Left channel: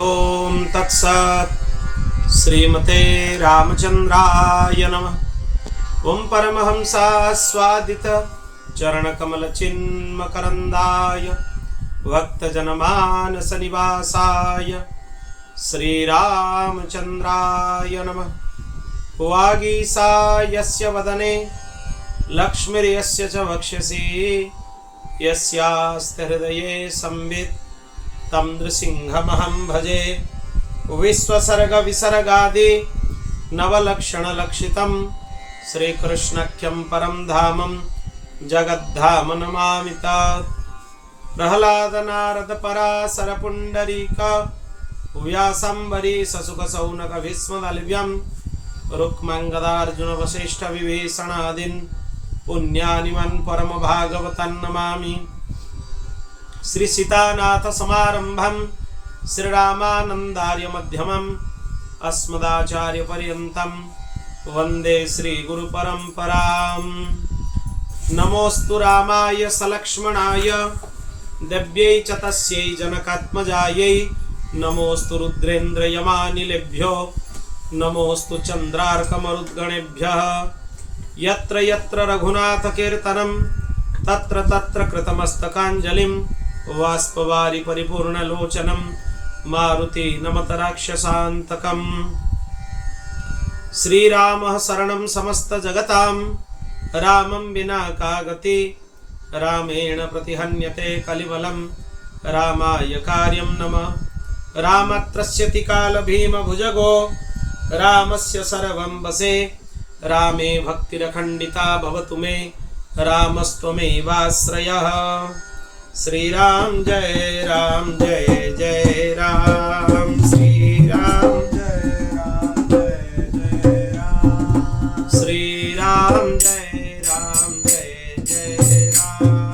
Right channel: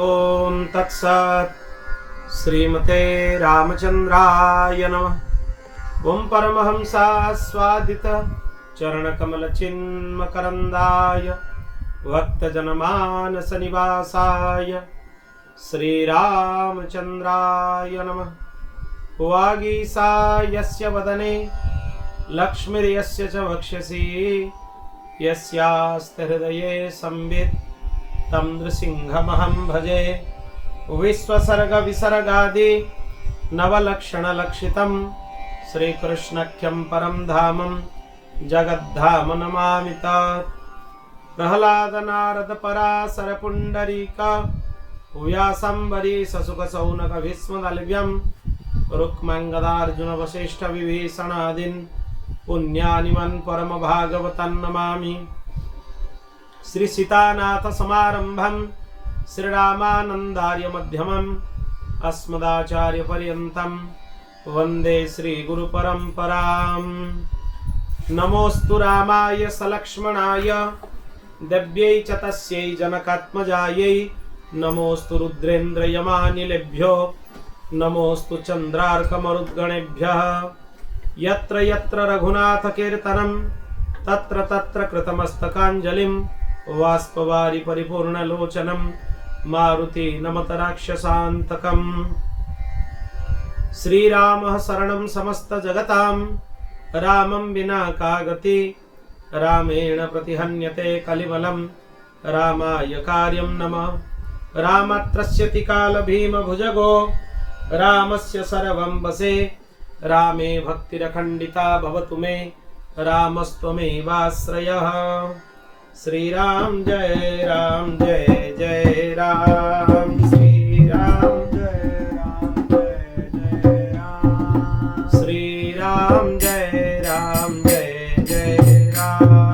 ओम तत्सत्। श्रीमते रामचंद्राय नमः। ओम परमहंसा स्वादित चरणकमल चिन्मकरंदाय भक्तजनमानस निवासाय श्रीरामचंद्राय नमः। वागीसा यस्य वदने लक्ष्मीर्यस्य च वक्ष्यसि यस्यास्ते हृदये संवित् तं नृसिंहमहं भजे। विश्वसर्ग विसर्गादि नवलक्षणलक्षितं श्रीकृष्णख्यं परं धामं जगद्धाम नमामि तत्। प्रह्लाद नारद पराशर पुण्डरीक व्यासंबरीश सुख सौनक भीष्मदल्व्यं रुक्माङ्गदार्जुन वसिष्ठ विभीषणादीन् पुण्यानिमन् परम भागवतं नमामि। श्री सीतानाथ समारंभं श्रीरामानंदार्य मध्यमम् अस्मदाचार्य पर्यन्तं वन्दे श्री गुरु परंपरां। नमोस्तु रामाय सलक्ष्मणाय देव्यै च तस्यै जनकात्मजायै। नमोस्तु रुद्रेन्द्र यमानिलेभ्यो नमोस्तु चन्द्रार्कमरुद्गणेभ्यः। यत्र यत्र रघुनाथ कीर्तनं तत्र तत्र कृतमस्तकाञ्जलिं वाष्पवारि परिपूर्णलोचनं मारुति नमत राक्षसान्तकम्। श्रीरामः शरणं समस्तजगतां रामं विना का गति। रामेण प्रतिहन्यते कलिबलं रामाय कार्यं नमः। रामत्रस्यति कालभीमभुजगो रामस्य सर्वं वशे। रामे भक्तिरखण्डिता भवतु मे रामस्त्वमेवाश्रयः। श्रीराम जय राम जय जय राम। श्रीराम जय राम जय जय राम। श्रीराम जय राम जय जय राम।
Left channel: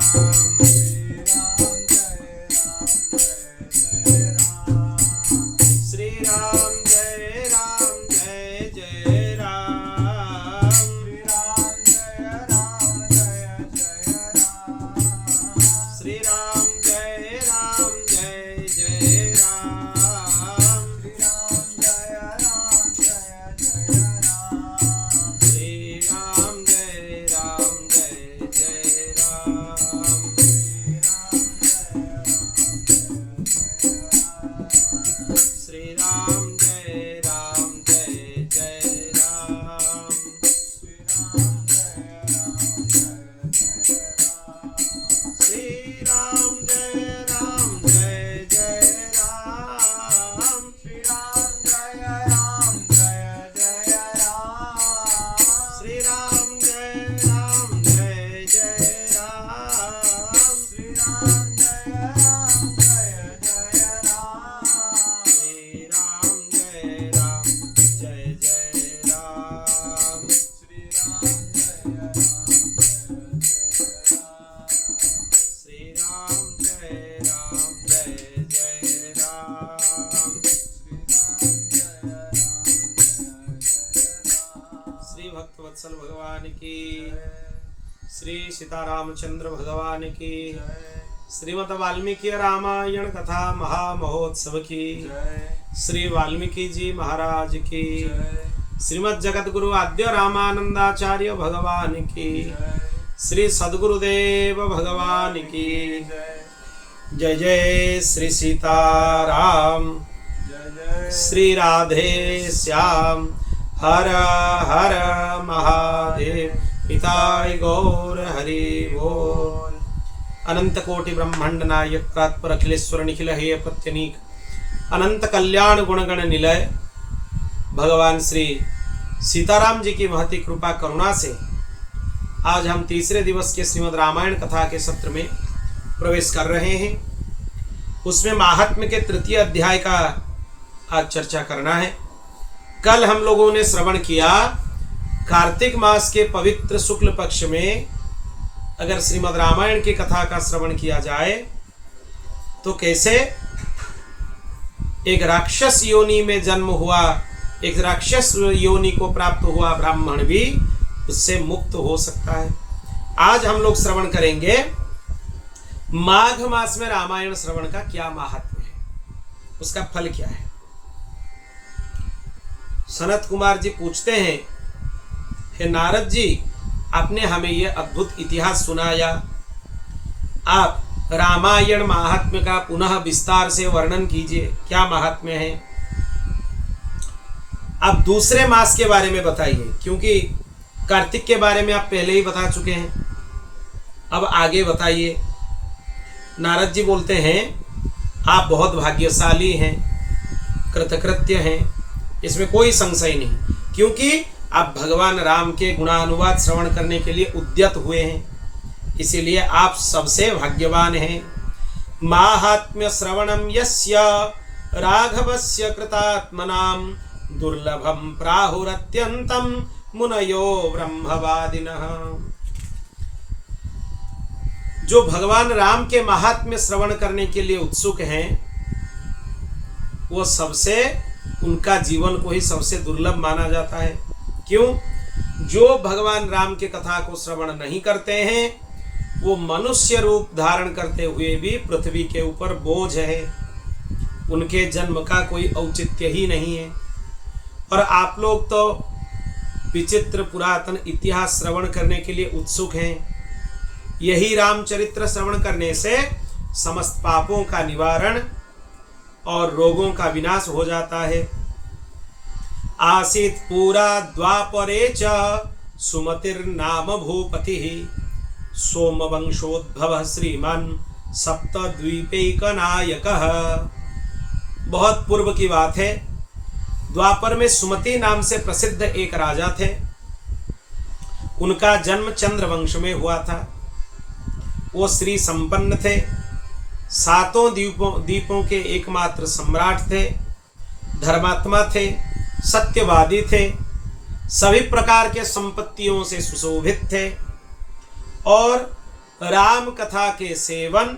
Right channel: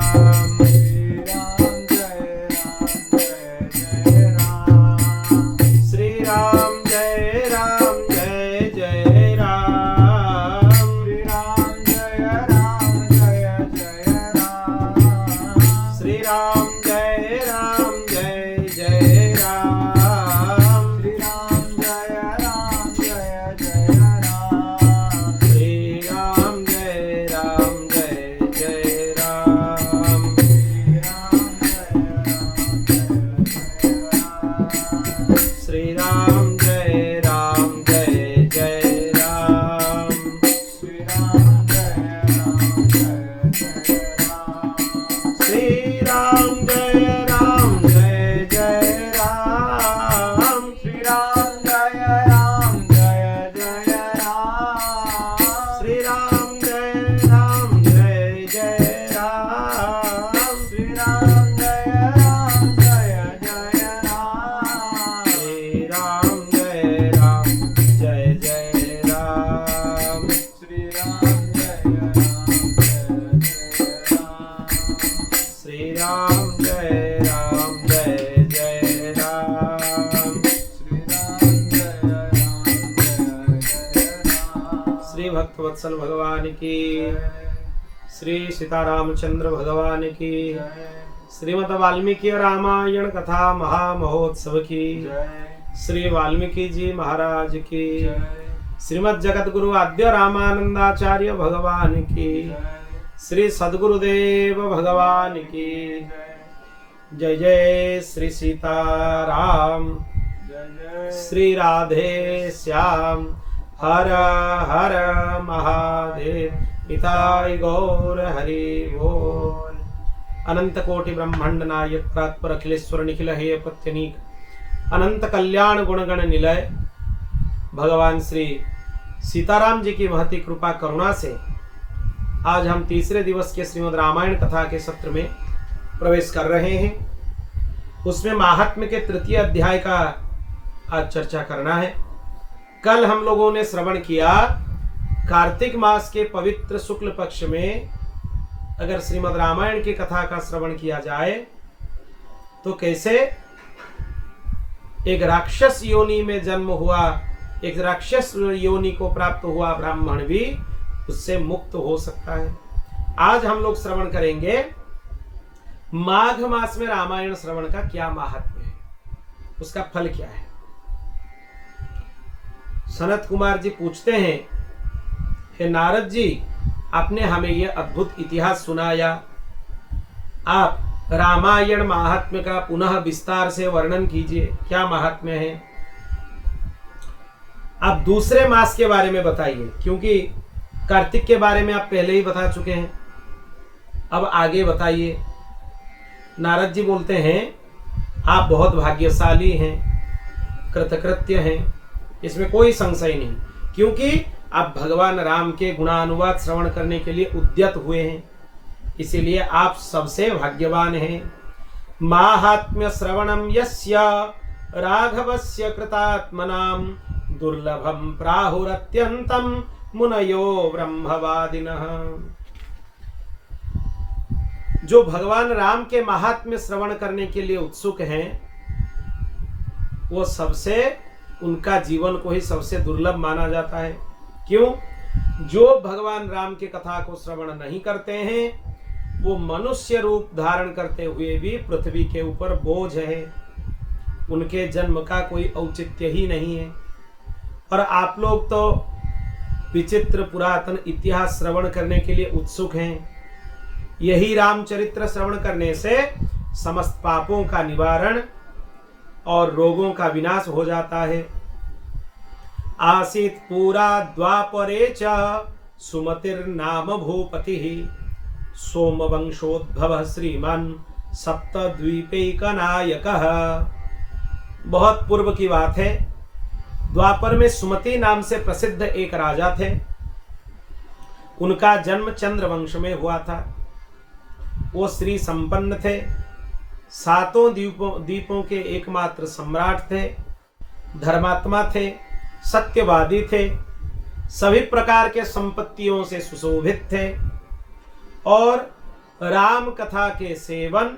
श्रीराम जय राम जय जय राम। श्रीराम जय राम जय जय राम। श्रीराम जय राम जय जय राम। श्रीराम जय राम जय जय राम। श्रीराम जय राम जय जय राम। श्रीराम जय राम जय जय राम। श्रीराम जय राम जय राम जय जय राम। श्रीराम जय राम जय जय राम। श्रीराम जय राम जय जय राम। श्रीराम जय राम जय जय राम। श्रीराम जय राम जय जय राम। श्रीराम जय राम जय राम जय जय राम। श्री भक्तवत्सल भगवान की, श्री सीतारामचंद्र भगवान की, श्रीमद् वाल्मीकि रामायण कथा महामहोत्सव की, श्री वाल्मीकि जी महाराज की, श्रीमद् जगद्गुरु आद्य रामानंदाचार्य भगवान की, श्री सद्गुरुदेव भगवान की जय जय। श्री सीताराम श्री राधे श्याम हर हर महादेव। पिताय गौर हरि बोल। अनंत कोटि ब्रह्मांड नायक प्रात्पर अखिलेश्वर निखिल हेय प्रत्यनीक अनंत कल्याण गुणगण निलय भगवान श्री सीताराम जी की महती कृपा करुणा से आज हम तीसरे दिवस के श्रीमद् रामायण कथा के सत्र में प्रवेश कर रहे हैं। उसमें महात्म्य के तृतीय अध्याय का आज चर्चा करना है। कल हम लोगों ने श्रवण किया कार्तिक मास के पवित्र शुक्ल पक्ष में अगर श्रीमद् रामायण की कथा का श्रवण किया जाए तो कैसे एक राक्षस योनि में जन्म हुआ, एक राक्षस योनि को प्राप्त हुआ ब्राह्मण भी उससे मुक्त हो सकता है। आज हम लोग श्रवण करेंगे माघ मास में रामायण श्रवण का क्या महात्म्य है। उसका फल क्या है? सनत कुमार जी पूछते हैं, हे नारद जी, आपने हमें यह अद्भुत इतिहास सुनाया, आप रामायण महात्म्य का पुनः विस्तार से वर्णन कीजिए, क्या महात्म्य है? आप दूसरे मास के बारे में बताइए, क्योंकि कार्तिक के बारे में आप पहले ही बता चुके हैं, अब आगे बताइए। नारद जी बोलते हैं, आप बहुत भाग्यशाली हैं, कृतकृत्य हैं, इसमें कोई संशय नहीं, क्योंकि आप भगवान राम के गुणानुवाद श्रवण करने के लिए उद्यत हुए हैं, इसीलिए आप सबसे भाग्यवान हैं। माहात्म्य श्रवणम यस्य राघवस्य कृतात्मनाम दुर्लभम प्राहुरत्यंतम मुनयो ब्रह्मवादिनः। जो भगवान राम के महात्म्य श्रवण करने के लिए उत्सुक हैं, वो सबसे, उनका जीवन को ही सबसे दुर्लभ माना जाता है। क्यों? जो भगवान राम के कथा को श्रवण नहीं करते हैं, वो मनुष्य रूप धारण करते हुए भी पृथ्वी के ऊपर बोझ है, उनके जन्म का कोई औचित्य ही नहीं है। और आप लोग तो विचित्र पुरातन इतिहास श्रवण करने के लिए उत्सुक हैं। यही रामचरित्र श्रवण करने से समस्त पापों का निवारण और रोगों का विनाश हो जाता है। आसीत पूरा द्वापरे च सुमतिर्नाम भूपतिः सोमवंशोद्भवः श्रीमान सप्तद्वीपैकनायकः। बहुत पूर्व की बात है, द्वापर में सुमति नाम से प्रसिद्ध एक राजा थे। उनका जन्म चंद्रवंश में हुआ था। वो श्री संपन्न थे, सातों द्वीपों के एकमात्र सम्राट थे, धर्मात्मा थे, सत्यवादी थे, सभी प्रकार के संपत्तियों से सुशोभित थे और राम कथा के सेवन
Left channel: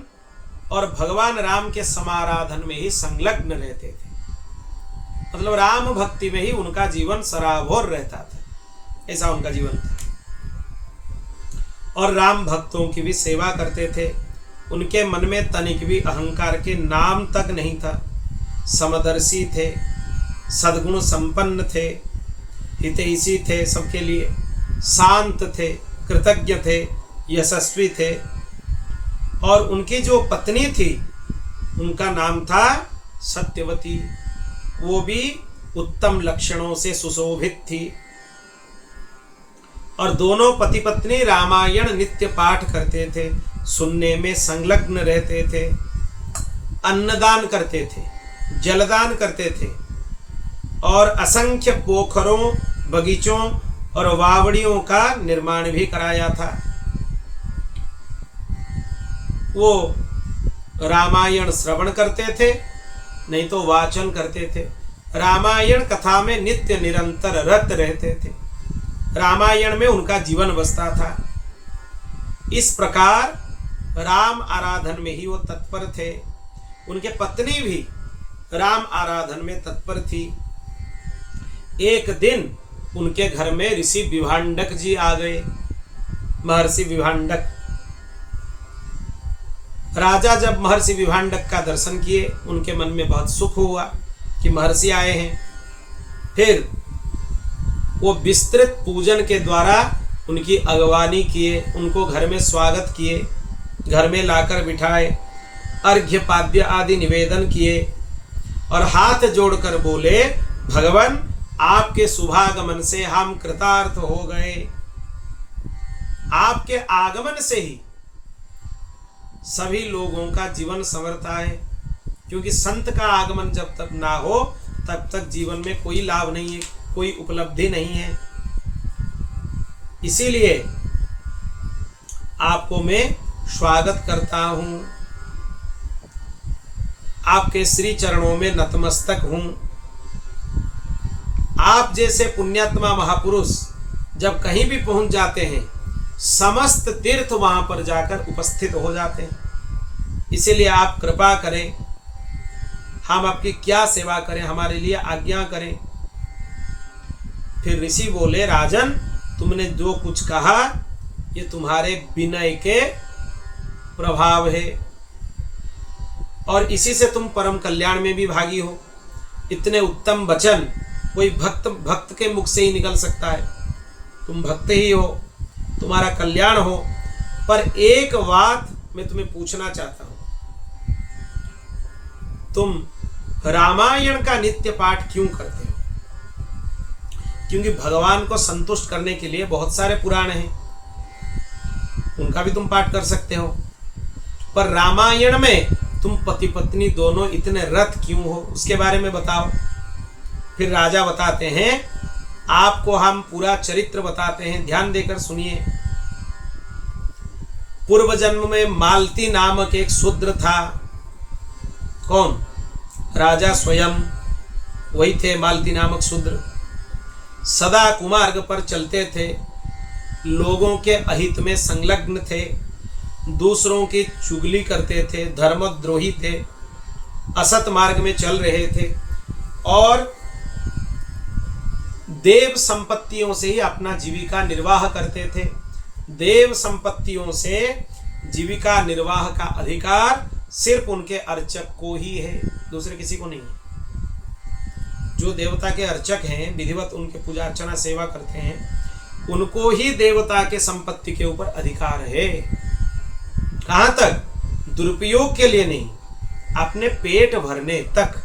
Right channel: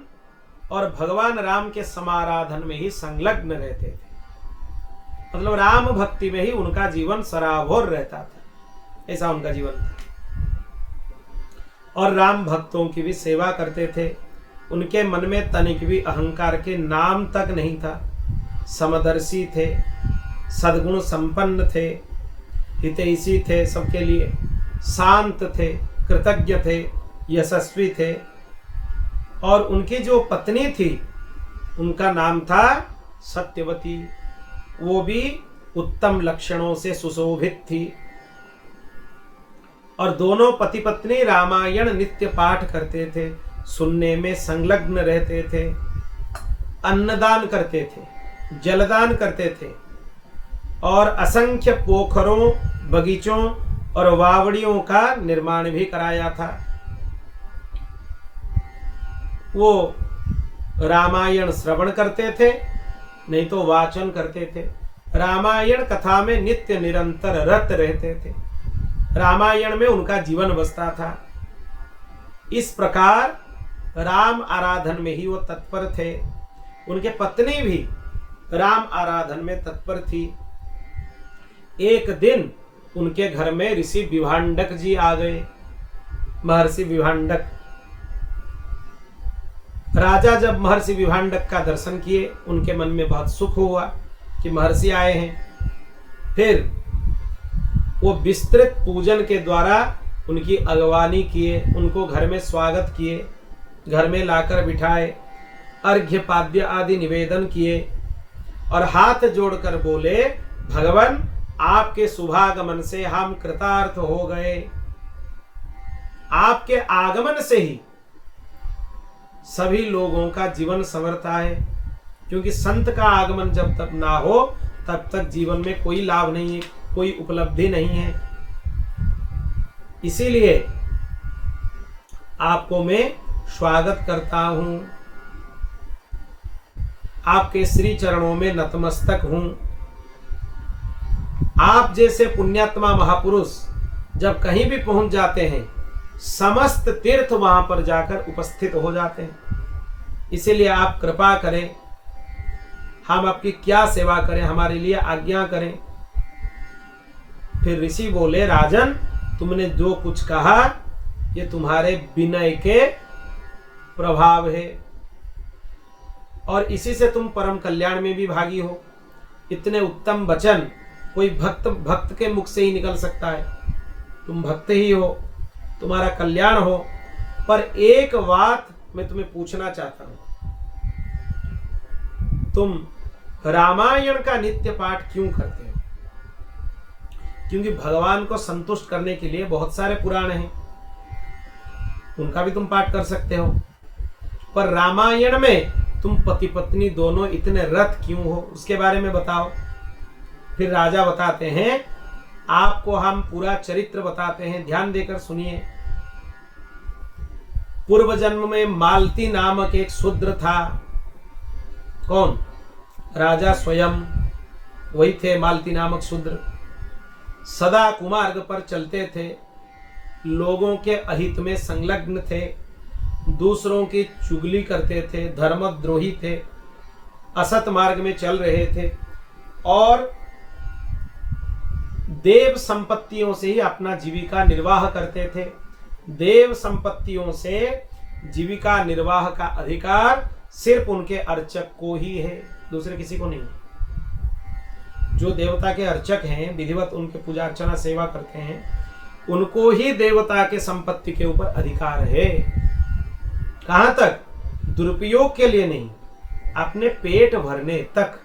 और भगवान राम के समाराधन में ही संलग्न रहते थे। मतलब राम भक्ति में ही उनका जीवन सराबोर रहता था, ऐसा उनका जीवन था। और राम भक्तों की भी सेवा करते थे। उनके मन में तनिक भी अहंकार के नाम तक नहीं था। समदर्शी थे, सद्गुण संपन्न थे, हितैषी थे, सबके लिए शांत थे, कृतज्ञ थे, यशस्वी थे। और उनकी जो पत्नी थी, उनका नाम था सत्यवती। वो भी उत्तम लक्षणों से सुशोभित थी। और दोनों पति पत्नी रामायण नित्य पाठ करते थे, सुनने में संलग्न रहते थे, अन्नदान करते थे, जलदान करते थे और असंख्य पोखरों, बगीचों और वावड़ियों का निर्माण भी कराया था। वो रामायण श्रवण करते थे, नहीं तो वाचन करते थे। रामायण कथा में नित्य निरंतर रत रहते थे। रामायण में उनका जीवन बसता था। इस प्रकार राम आराधन में ही वो तत्पर थे। उनके पत्नी भी राम आराधन में तत्पर थी। एक दिन उनके घर में ऋषि विभांडक जी आ गए। महर्षि विभांडक राजा जब महर्षि विभांडक का दर्शन किए, उनके मन में बहुत सुख हुआ कि महर्षि आए हैं। फिर वो विस्तृत पूजन के द्वारा उनकी अगवानी किए, उनको घर में स्वागत किए, घर में लाकर बिठाए, अर्घ्य पाद्य आदि निवेदन किए और हाथ जोड़कर बोले, भगवान आपके शुभागमन से हम कृतार्थ हो गए। आपके आगमन से ही सभी लोगों का जीवन संवरता है, क्योंकि संत का आगमन जब तक ना हो तब तक जीवन में कोई लाभ नहीं है, कोई उपलब्धि नहीं है। इसीलिए आपको मैं स्वागत करता हूं, आपके श्री चरणों में नतमस्तक हूं। आप जैसे पुण्यात्मा महापुरुष जब कहीं भी पहुंच जाते हैं, समस्त तीर्थ वहां पर जाकर उपस्थित हो जाते हैं। इसीलिए आप कृपा करें, हम आपकी क्या सेवा करें, हमारे लिए आज्ञा करें। फिर ऋषि बोले, राजन तुमने जो कुछ कहा ये तुम्हारे विनय के प्रभाव है। और इसी से तुम परम कल्याण में भी भागी हो। इतने उत्तम वचन कोई भक्त के मुख से ही निकल सकता है। तुम भक्त ही हो, तुम्हारा कल्याण हो। पर एक बात मैं तुम्हें पूछना चाहता हूं, तुम रामायण का नित्य पाठ क्यों करते हो? क्योंकि भगवान को संतुष्ट करने के लिए बहुत सारे पुराण हैं, उनका भी तुम पाठ कर सकते हो। पर रामायण में तुम पति पत्नी दोनों इतने रत क्यों हो, उसके बारे में बताओ। फिर राजा बताते हैं, आपको हम पूरा चरित्र बताते हैं, ध्यान देकर सुनिए। पूर्व जन्म में मालती नामक एक शूद्र था। कौन? राजा स्वयं, वही थे मालती नामक शूद्र। सदा कुमार्ग पर चलते थे, लोगों के अहित में संलग्न थे, दूसरों की चुगली करते थे, धर्मद्रोही थे, असत मार्ग में चल रहे थे और देव संपत्तियों से ही अपना जीविका निर्वाह करते थे। देव संपत्तियों से जीविका निर्वाह का अधिकार सिर्फ उनके अर्चक को ही है, दूसरे किसी को नहीं। जो देवता के अर्चक हैं, विधिवत उनके पूजा अर्चना सेवा करते हैं, उनको ही देवता के संपत्ति के ऊपर अधिकार है। कहां तक? दुरुपयोग के लिए नहीं, अपने पेट भरने तक।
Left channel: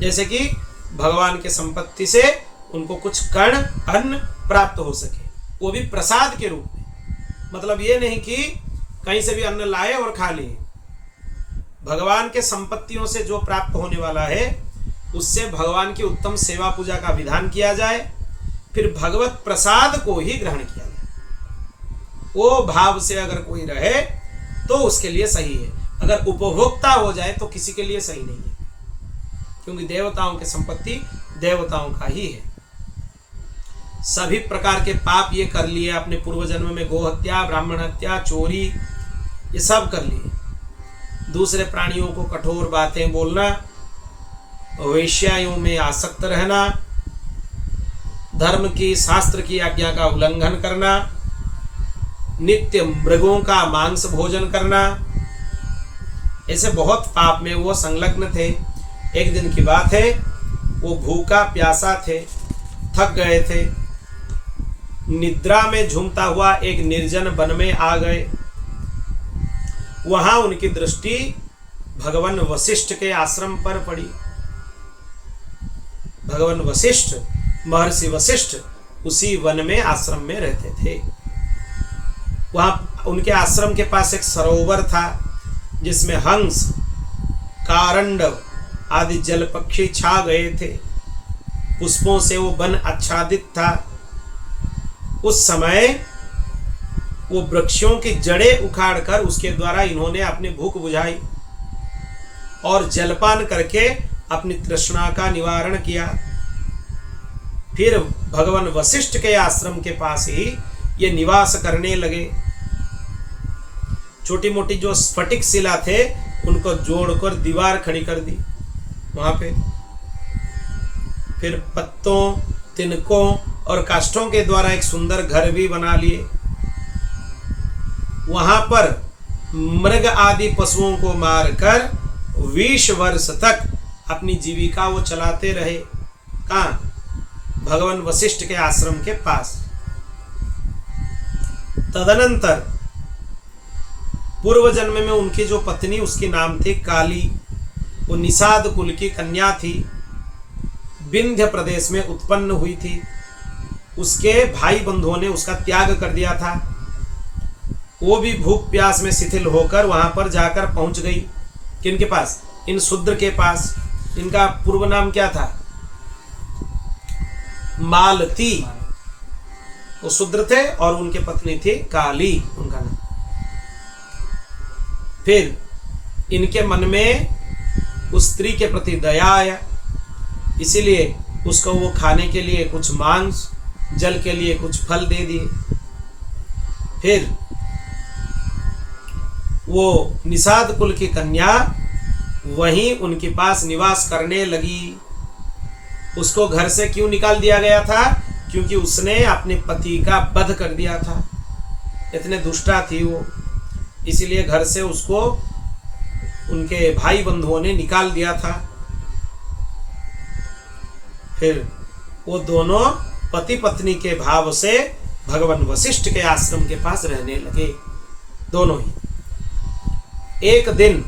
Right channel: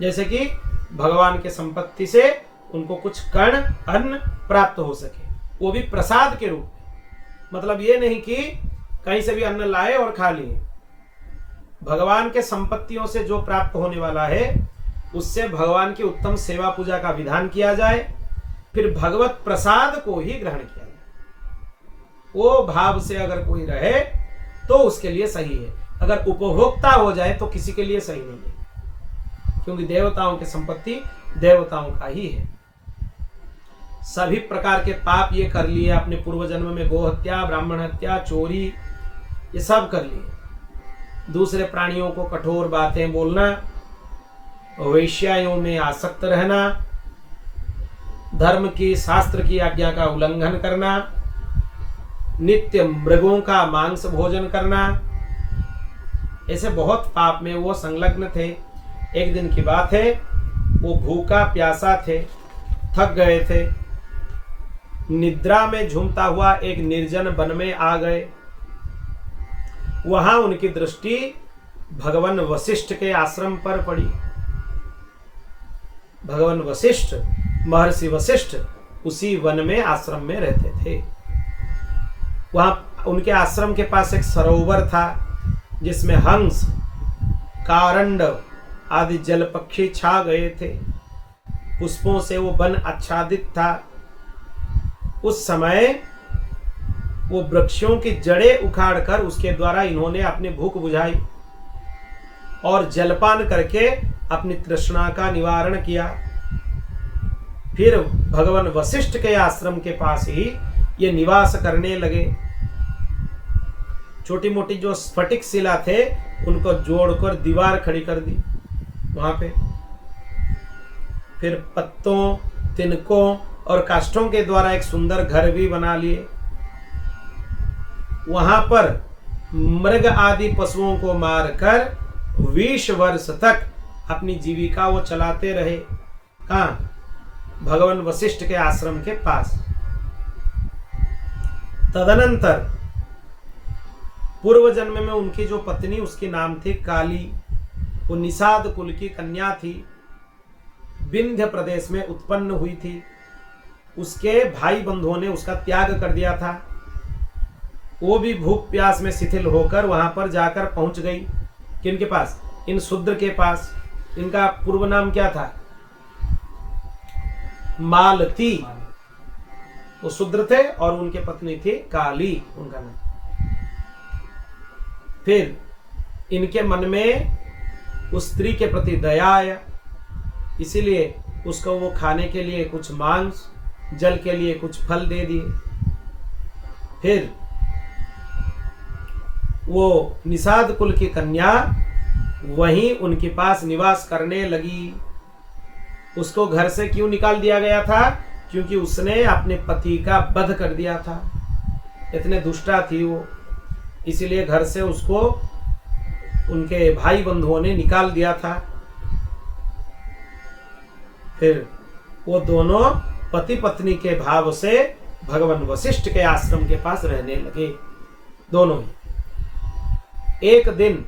जैसे कि भगवान के संपत्ति से उनको कुछ कण अन्न प्राप्त हो सके, वो भी प्रसाद के रूप में। मतलब ये नहीं कि कहीं से भी अन्न लाए और खा लिए। भगवान के संपत्तियों से जो प्राप्त होने वाला है, उससे भगवान की उत्तम सेवा पूजा का विधान किया जाए, फिर भगवत प्रसाद को ही ग्रहण किया जाए। वो भाव से अगर कोई रहे तो उसके लिए सही है, अगर उपभोक्ता हो जाए तो किसी के लिए सही नहीं है, क्योंकि देवताओं की संपत्ति देवताओं का ही है। सभी प्रकार के पाप ये कर लिए अपने पूर्व जन्म में, गोहत्या, ब्राह्मण हत्या, चोरी, ये सब कर लिए। दूसरे प्राणियों को कठोर बातें बोलना, वेश्याओं में आसक्त रहना, धर्म की शास्त्र की आज्ञा का उल्लंघन करना, नित्य मृगों का मांस भोजन करना, ऐसे बहुत पाप में वो संलग्न थे। एक दिन की बात है, वो भूखा प्यासा थे, थक गए थे, निद्रा में झूमता हुआ एक निर्जन वन में आ गए। वहां उनकी दृष्टि भगवान वशिष्ठ के आश्रम पर पड़ी। भगवान वशिष्ठ, महर्षि वशिष्ठ उसी वन में आश्रम में रहते थे। वहां उनके आश्रम के पास एक सरोवर था, जिसमें हंस, कारंडव आदि जल पक्षी छा गए थे। पुष्पों से वो वन आच्छादित था। उस समय वो वृक्षों की जड़ें उखाड़कर उसके द्वारा इन्होंने अपनी भूख बुझाई और जलपान करके अपनी तृष्णा का निवारण किया। फिर भगवान वशिष्ठ के आश्रम के पास ही ये निवास करने लगे। छोटी मोटी जो स्फटिक शिला थे, उनको जोड़कर दीवार खड़ी कर दी वहां पे। फिर पत्तों, तिनकों और काष्ठों के द्वारा एक सुंदर घर भी बना लिए। वहां पर मृग आदि पशुओं को मारकर 20 वर्ष तक अपनी जीविका वो चलाते रहे। कहाँ? भगवान वशिष्ठ के आश्रम के पास। तदनंतर पूर्व जन्म में उनकी जो पत्नी, उसकी नाम थी काली, वो निषाद कुल की कन्या थी, विंध्य प्रदेश में उत्पन्न हुई थी। उसके भाई बंधुओं ने उसका त्याग कर दिया था। वो भी भूख प्यास में शिथिल होकर वहां पर जाकर पहुंच गई। किनके पास? इन शूद्र के पास। इनका पूर्व नाम क्या था? मालती। वो शूद्र थे और उनके पत्नी थी काली, उनका नाम। फिर इनके मन में उस स्त्री के प्रति दया आया, इसीलिए उसको वो खाने के लिए कुछ मांस, जल के लिए कुछ फल दे दिए। फिर वो निषाद कुल की कन्या वहीं उनके पास निवास करने लगी। उसको घर से क्यों निकाल दिया गया था? क्योंकि उसने अपने पति का वध कर दिया था। इतने दुष्टा थी वो, इसीलिए घर से उसको उनके भाई बंधुओं ने निकाल दिया था। फिर वो दोनों पति पत्नी के भाव से भगवान वशिष्ठ के आश्रम के पास रहने लगे, दोनों ही। एक दिन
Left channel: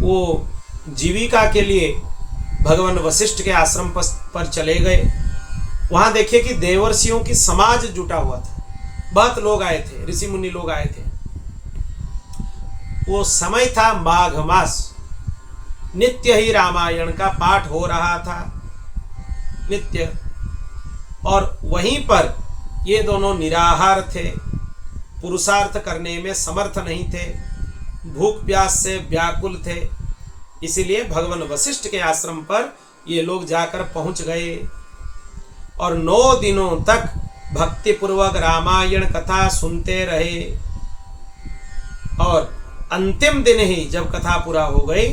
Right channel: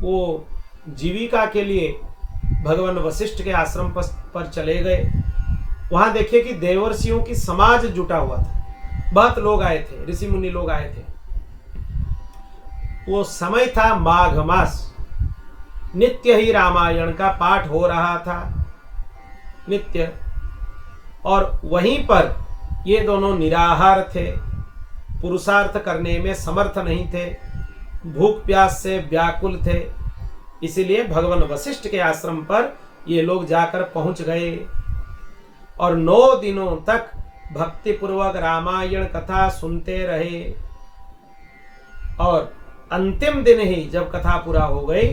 वो जीविका के लिए भगवान वशिष्ठ के आश्रम पर चले गए। वहां देखिए कि देवर्षियों की समाज जुटा हुआ था, बहुत लोग आए थे, ऋषि मुनि लोग आए थे। वो समय था माघ मास, नित्य ही रामायण का पाठ हो रहा था, नित्य। और वहीं पर ये दोनों निराहार थे, पुरुषार्थ करने में समर्थ नहीं थे, भूख प्यास से व्याकुल थे। इसीलिए भगवान वशिष्ठ के आश्रम पर ये लोग जाकर पहुंच गए और 9 दिनों तक भक्ति पूर्वक रामायण कथा सुनते रहे। और अंतिम दिन ही जब कथा पूरा हो गई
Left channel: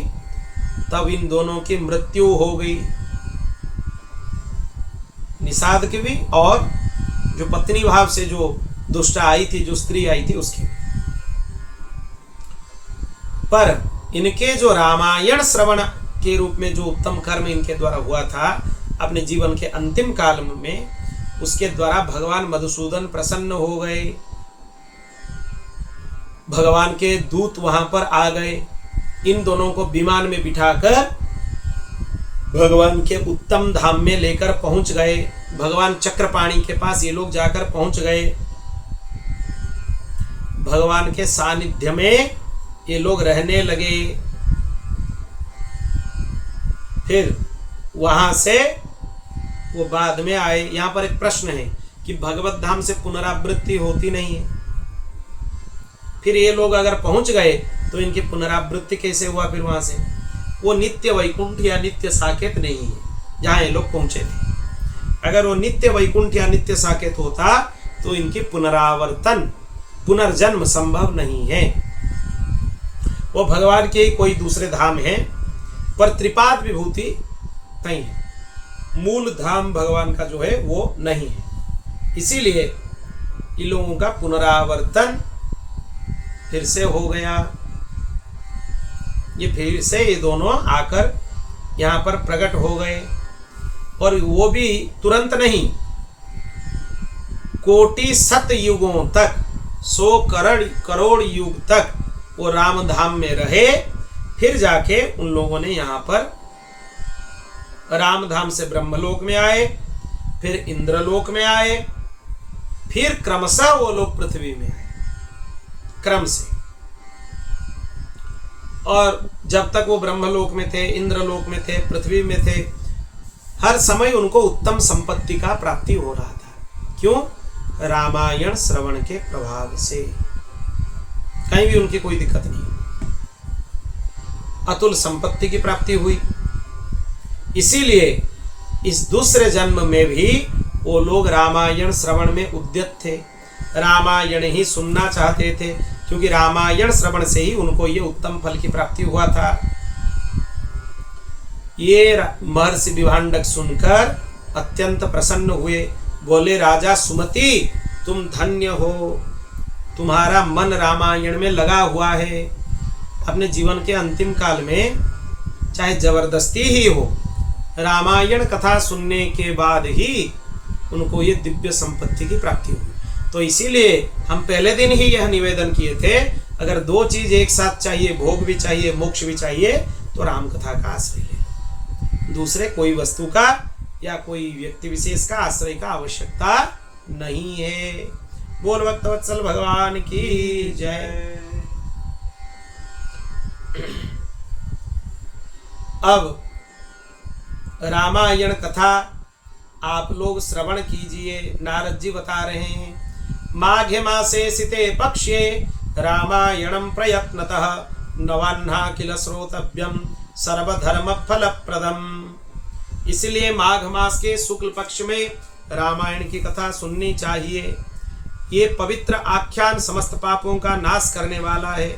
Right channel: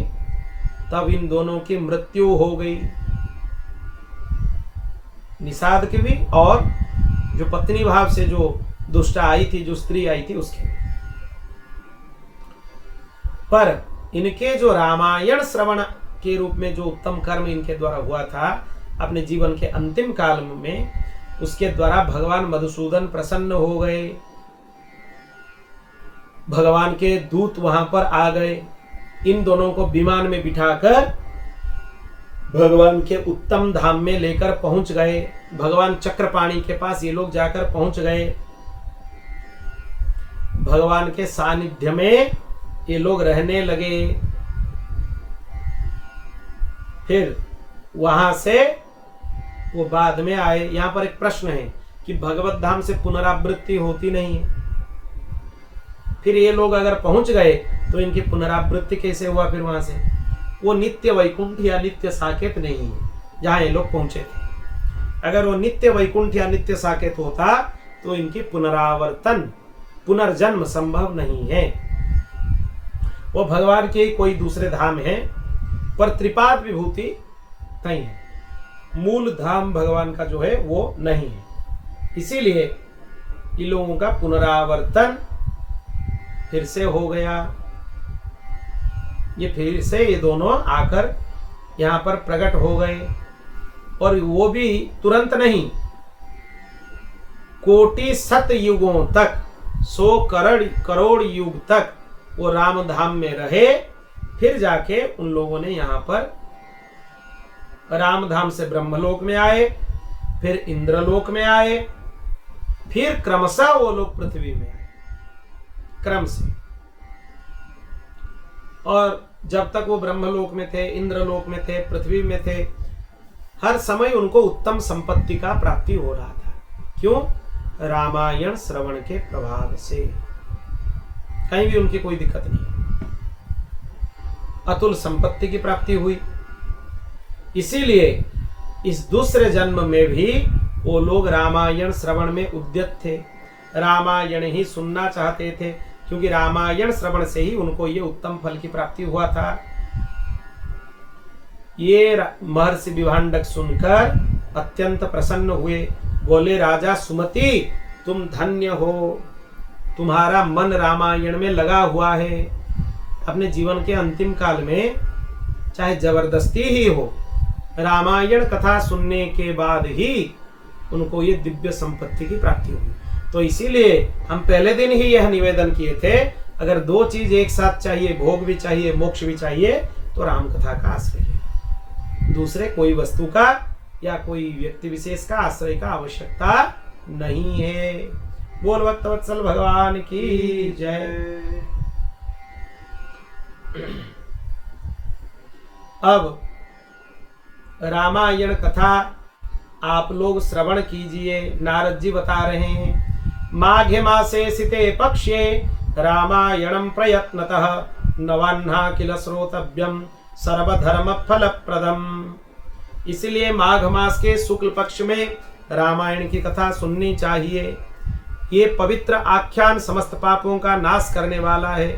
तब इन दोनों की मृत्यु हो गई, निषाद की भी और जो पत्नी भाव से जो दुष्टा आई थी, जो स्त्री आई थी, उसकी भी। पर इनके जो रामायण श्रवण के रूप में जो उत्तम कर्म इनके द्वारा हुआ था अपने जीवन के अंतिम काल में, उसके द्वारा भगवान मधुसूदन प्रसन्न हो गए। भगवान के दूत वहां पर आ गए, इन दोनों को विमान में बिठाकर भगवान के उत्तम धाम में लेकर पहुंच गए। भगवान चक्रपाणी के पास ये लोग जाकर पहुंच गए। भगवान के सानिध्य में ये लोग रहने लगे। फिर वहां से वो बाद में आए। यहां पर एक प्रश्न है कि भगवत धाम से पुनरावृत्ति होती नहीं है, फिर ये लोग अगर पहुंच गए तो इनकी पुनरावृत्ति कैसे हुआ? फिर वहां से वो नित्य वैकुंठ या नित्य साकेत नहीं है जहां ये लोग पहुंचे थे। अगर वो नित्य वैकुंठ या नित्य साकेत होता तो इनकी पुनरावर्तन, पुनर्जन्म संभव नहीं है। वो भगवान के कोई दूसरे धाम है, पर त्रिपाद विभूति कहीं है, मूल धाम भगवान का जो है वो नहीं है। इसीलिए इन लोगों का पुनरावर्तन फिर से हो गया। ये फिर से ये दोनों आकर यहाँ पर प्रकट हो गए, और वो भी तुरंत नहीं, कोटि सत युगों तक, 100 करोड़ युग तक वो राम धाम में रहे। फिर जाके उन लोगों ने यहाँ पर राम धाम से ब्रह्मलोक में आए, फिर इंद्रलोक में आए, फिर क्रमशः वो लोग पृथ्वी में आए, क्रम से। और जब तक वो ब्रह्मलोक में थे, इंद्रलोक में थे, पृथ्वी में थे, हर समय उनको उत्तम संपत्ति का प्राप्ति हो रहा था। क्यों? रामायण श्रवण के प्रभाव से कहीं भी उनकी कोई दिक्कत नहीं, अतुल संपत्ति की प्राप्ति हुई। इसीलिए इस दूसरे जन्म में भी वो लोग रामायण श्रवण में उद्यत थे, रामायण ही सुनना चाहते थे, क्योंकि रामायण श्रवण से ही उनको ये उत्तम फल की प्राप्ति हुआ था। ये महर्षि विभांडक सुनकर अत्यंत प्रसन्न हुए, बोले, राजा सुमति, तुम धन्य हो, तुम्हारा मन रामायण में लगा हुआ है। अपने जीवन के अंतिम काल में चाहे जबरदस्ती ही हो, रामायण कथा सुनने के बाद ही उनको ये दिव्य संपत्ति की प्राप्ति हुई। तो इसीलिए हम पहले दिन ही यह निवेदन किए थे, अगर 2 चीज एक साथ चाहिए, भोग भी चाहिए, मोक्ष भी चाहिए, तो राम कथा का आश्रय ले। दूसरे कोई वस्तु का या कोई व्यक्ति विशेष का आश्रय का आवश्यकता नहीं है। बोल भक्तवत्सल भगवान की जय। अब रामायण कथा आप लोग श्रवण कीजिए। नारद जी बता रहे हैं, माघ मासे सिते पक्षे रामायणं प्रयत्नतः नवाह्ना किल श्रोतव्यम सर्वधर्म फलप्रदम। इसलिए माघ मास के शुक्ल पक्ष में रामायण की कथा सुननी चाहिए। ये पवित्र आख्यान समस्त पापों का नाश करने वाला है।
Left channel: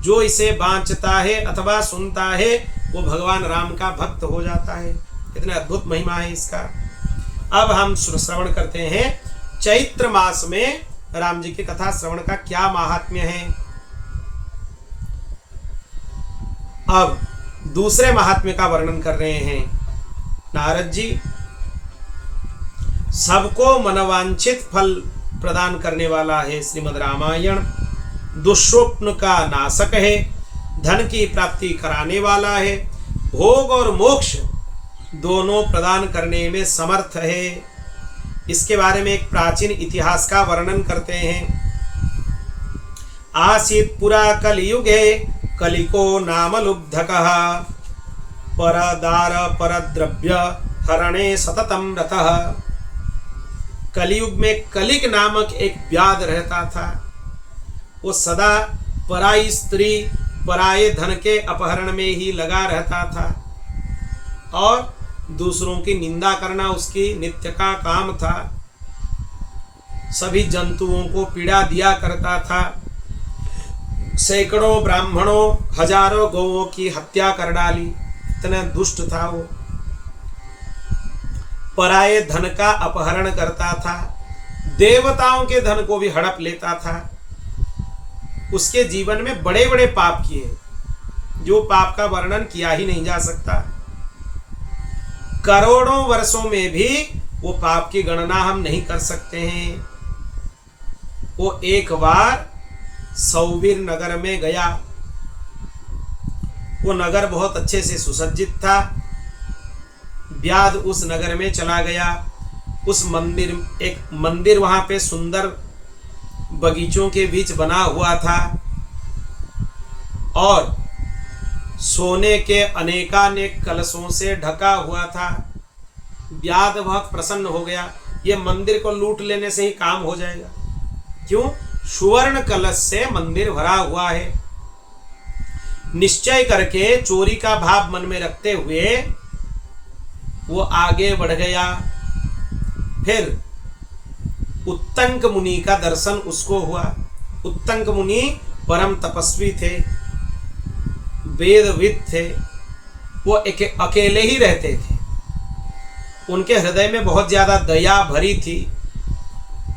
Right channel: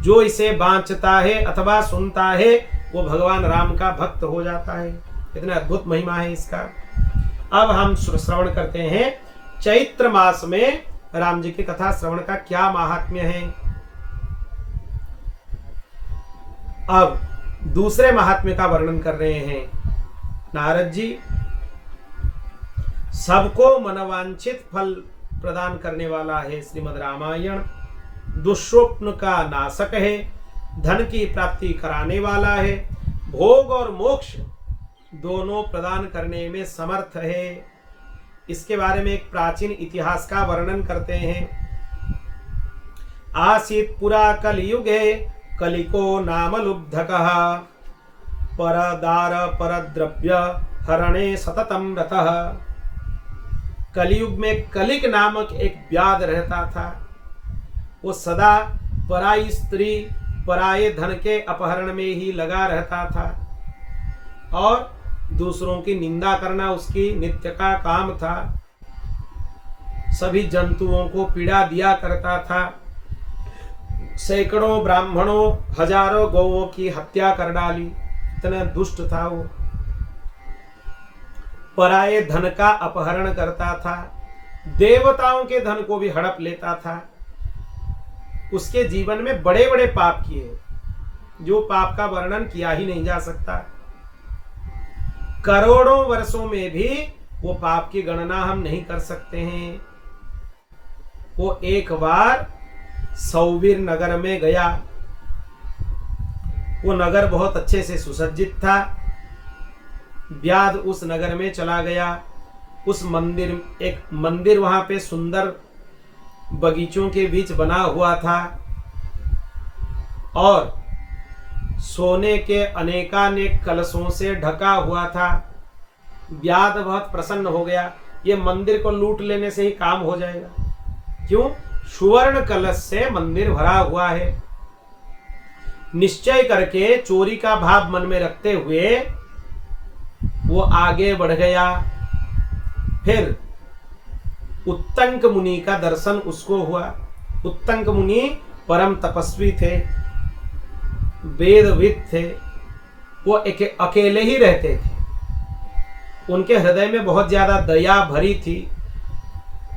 जो इसे बांचता है अथवा सुनता है वो भगवान राम का भक्त हो जाता है। इतना अद्भुत महिमा है इसका। अब हम श्रवण करते हैं चैत्र मास में राम जी की कथा श्रवण का क्या महात्म्य है। अब दूसरे महात्म्य का वर्णन कर रहे हैं नारद जी। सबको मनवांछित फल प्रदान करने वाला है श्रीमद् रामायण। दुष्स्वप्न का नाशक है, धन की प्राप्ति कराने वाला है, भोग और मोक्ष दोनों प्रदान करने में समर्थ है। इसके बारे में एक प्राचीन इतिहास का वर्णन करते हैं। आसीत् पुरा कलियुगे कलिको नाम लुब्धकः परदार परद्रव्य हरणे सततम रतः। कलियुग में कलिक नामक एक व्याध रहता था। वो सदा पराई स्त्री पराये धन के अपहरण में ही लगा रहता था और दूसरों की निंदा करना उसकी नित्य का काम था। सभी जंतुओं को पीड़ा दिया करता था। सैकड़ों ब्राह्मणों हजारों गौओं की हत्या कर डाली। इतना दुष्ट था वो। पराये धन का अपहरण करता था, देवताओं के धन को भी हड़प लेता था। उसके जीवन में बड़े बड़े पाप किए, जो पाप का वर्णन किया ही नहीं जा सकता। करोड़ों वर्षों में भी वो पाप की गणना हम नहीं कर सकते हैं। वो एक बार सौवीर नगर में गया। वो नगर बहुत अच्छे से सुसज्जित था। व्याध उस नगर में चला गया। उस मंदिर, एक मंदिर वहां पे सुंदर बगीचों के बीच बना हुआ था और सोने के अनेकानेक कलशों से ढका हुआ था। व्याध बहुत प्रसन्न हो गया। ये मंदिर को लूट लेने से ही काम हो जाएगा। क्यों? सुवर्ण कलश से मंदिर भरा हुआ है। निश्चय करके चोरी का भाव मन में रखते हुए वो आगे बढ़ गया। फिर उत्तंक मुनि का दर्शन उसको हुआ। उत्तंक मुनि परम तपस्वी थे, वेदविद थे। वो अकेले ही रहते थे। उनके हृदय में बहुत ज्यादा दया भरी थी।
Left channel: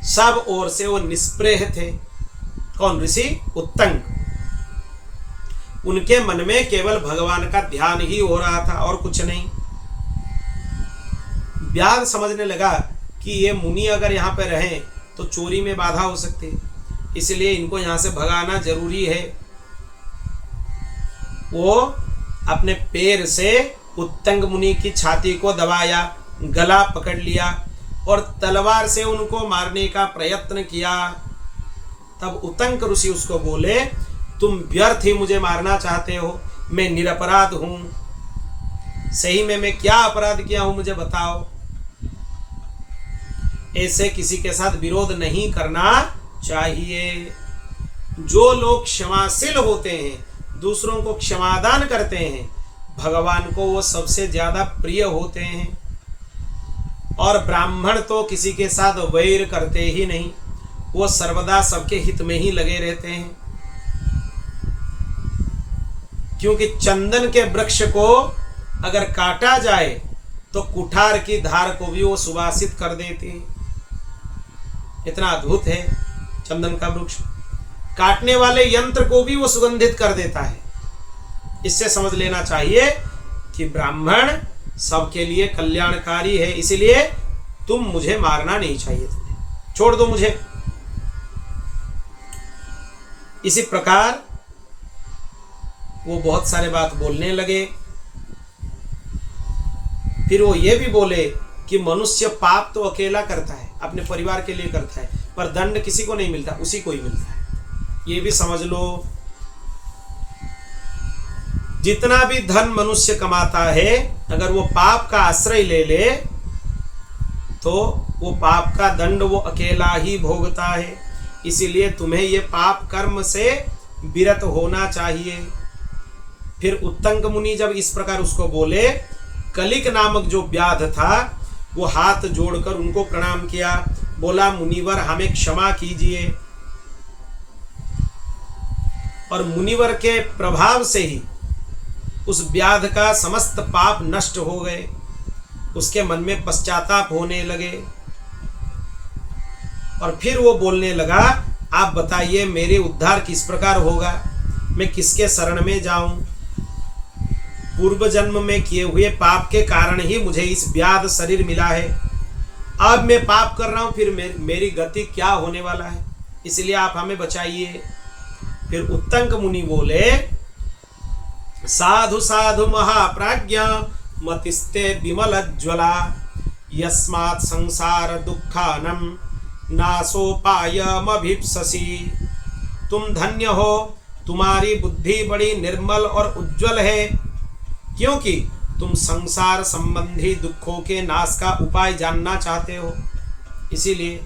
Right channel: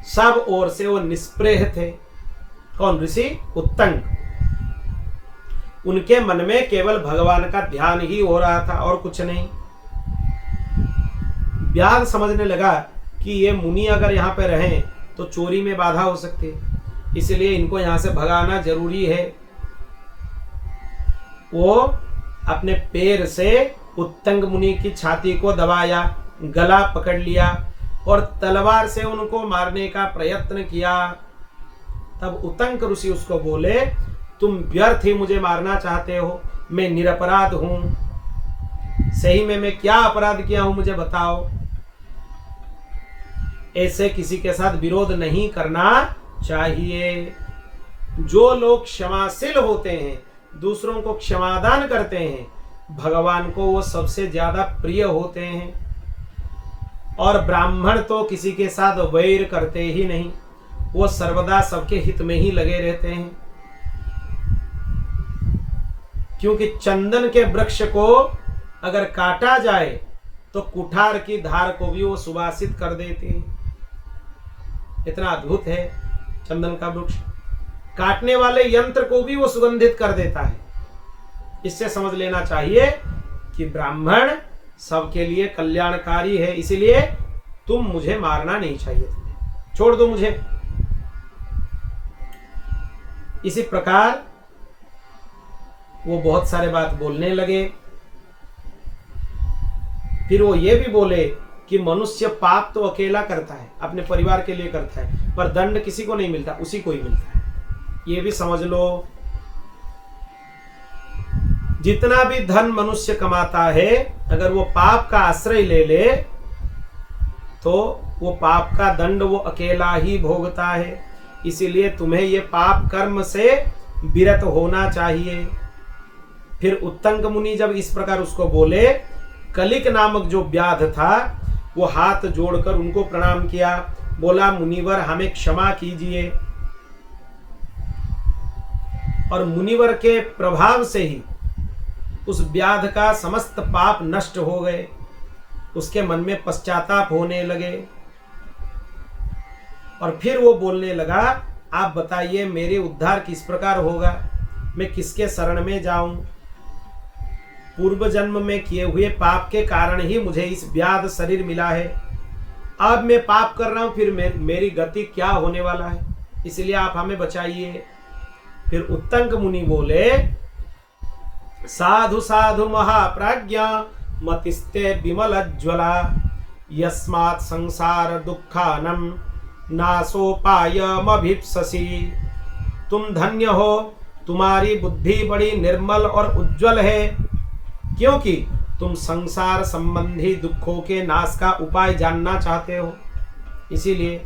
सब ओर से वो निष्प्रेह थे। कौन? ऋषि उत्तंक। उनके मन में केवल भगवान का ध्यान ही हो रहा था और कुछ नहीं। व्याध समझने लगा कि ये मुनि अगर यहाँ पे रहें तो चोरी में बाधा हो सकती है, इसलिए इनको यहाँ से भगाना जरूरी है। वो अपने पैर से उत्तंग मुनि की छाती को दबाया, गला पकड़ लिया और तलवार से उनको मारने का प्रयत्न किया। तब उत्तंक ऋषि उसको बोले, तुम व्यर्थ ही मुझे मारना चाहते हो, मैं निरपराध हूं। सही में मैं क्या अपराध किया हूं मुझे बताओ। ऐसे किसी के साथ विरोध नहीं करना चाहिए। जो लोग क्षमाशील होते हैं, दूसरों को क्षमादान करते हैं, भगवान को वो सबसे ज्यादा प्रिय होते हैं। और ब्राह्मण तो किसी के साथ वैर करते ही नहीं, वो सर्वदा सबके हित में ही लगे रहते हैं। क्योंकि चंदन के वृक्ष को अगर काटा जाए तो कुठार की धार को भी वो सुवासित कर देते हैं। इतना अद्भुत है चंदन का वृक्ष। काटने वाले यंत्र को भी वो सुगंधित कर देता है। इससे समझ लेना चाहिए कि ब्राह्मण सबके लिए कल्याणकारी है, इसलिए तुम मुझे मारना नहीं चाहिए, तुम्हें छोड़ दो मुझे। इसी प्रकार वो बहुत सारे बात बोलने लगे। फिर वो ये भी बोले कि मनुष्य पाप तो अकेला करता है, अपने परिवार के लिए करता है, पर दंड किसी को नहीं मिलता, उसी को ही मिलता है। ये भी समझ लो। जितना भी धन मनुष्य कमाता है, अगर वो पाप का आश्रय ले ले तो वो पाप का दंड वो अकेला ही भोगता है। इसीलिए तुम्हें ये पाप कर्म से विरत होना चाहिए। फिर उत्तंक मुनि जब इस प्रकार उसको बोले, कलिक नामक जो व्याध था वो हाथ जोड़कर उनको प्रणाम किया, बोला मुनिवर हमें क्षमा कीजिए। और मुनिवर के प्रभाव से ही उस व्याध का समस्त पाप नष्ट हो गए। उसके मन में पश्चाताप होने लगे और फिर वो बोलने लगा, आप बताइए मेरे उद्धार किस प्रकार होगा, मैं किसके शरण में जाऊं। पूर्व जन्म में किए हुए पाप के कारण ही मुझे इस व्याध शरीर मिला है। अब मैं पाप कर रहा हूं, फिर मेरी गति क्या होने वाला है, इसलिए आप हमें बचाइए। फिर उत्तंक मुनि बोले, साधु साधु महाप्राज्ञा मतिस्ते विमल ज्वला यस्मात् संसार दुःखानं नाशोपायमभीप्ससि। तुम धन्य हो, तुम्हारी बुद्धि बड़ी निर्मल और उज्जवल है, क्योंकि तुम संसार संबंधी दुखों के नाश का उपाय जानना चाहते हो। इसीलिए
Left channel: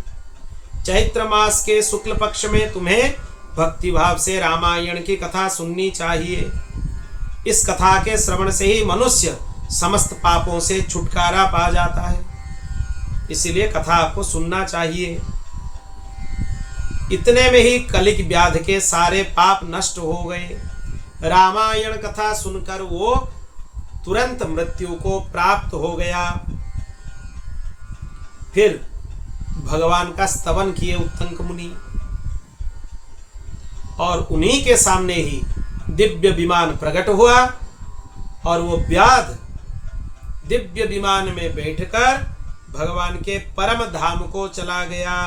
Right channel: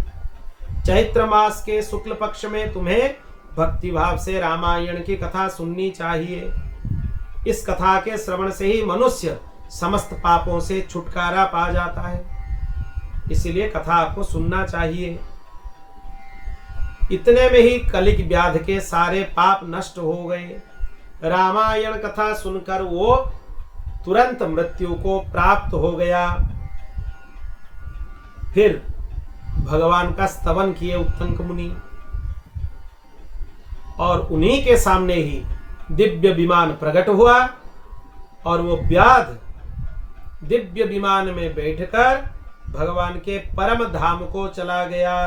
चैत्र मास के शुक्ल पक्ष में तुम्हें भक्ति भाव से रामायण की कथा सुननी चाहिए। इस कथा के श्रवण से ही मनुष्य समस्त पापों से छुटकारा पा जाता है, इसीलिए कथा आपको सुनना चाहिए। इतने में ही कलिक व्याध के सारे पाप नष्ट हो गए। रामायण कथा सुनकर वो तुरंत मृत्यु को प्राप्त हो गया। फिर भगवान का स्तवन किए उत्तंक मुनि, और उन्हीं के सामने ही दिव्य विमान प्रकट हुआ, और वो व्याध दिव्य विमान में बैठकर भगवान के परम धाम को चला गया,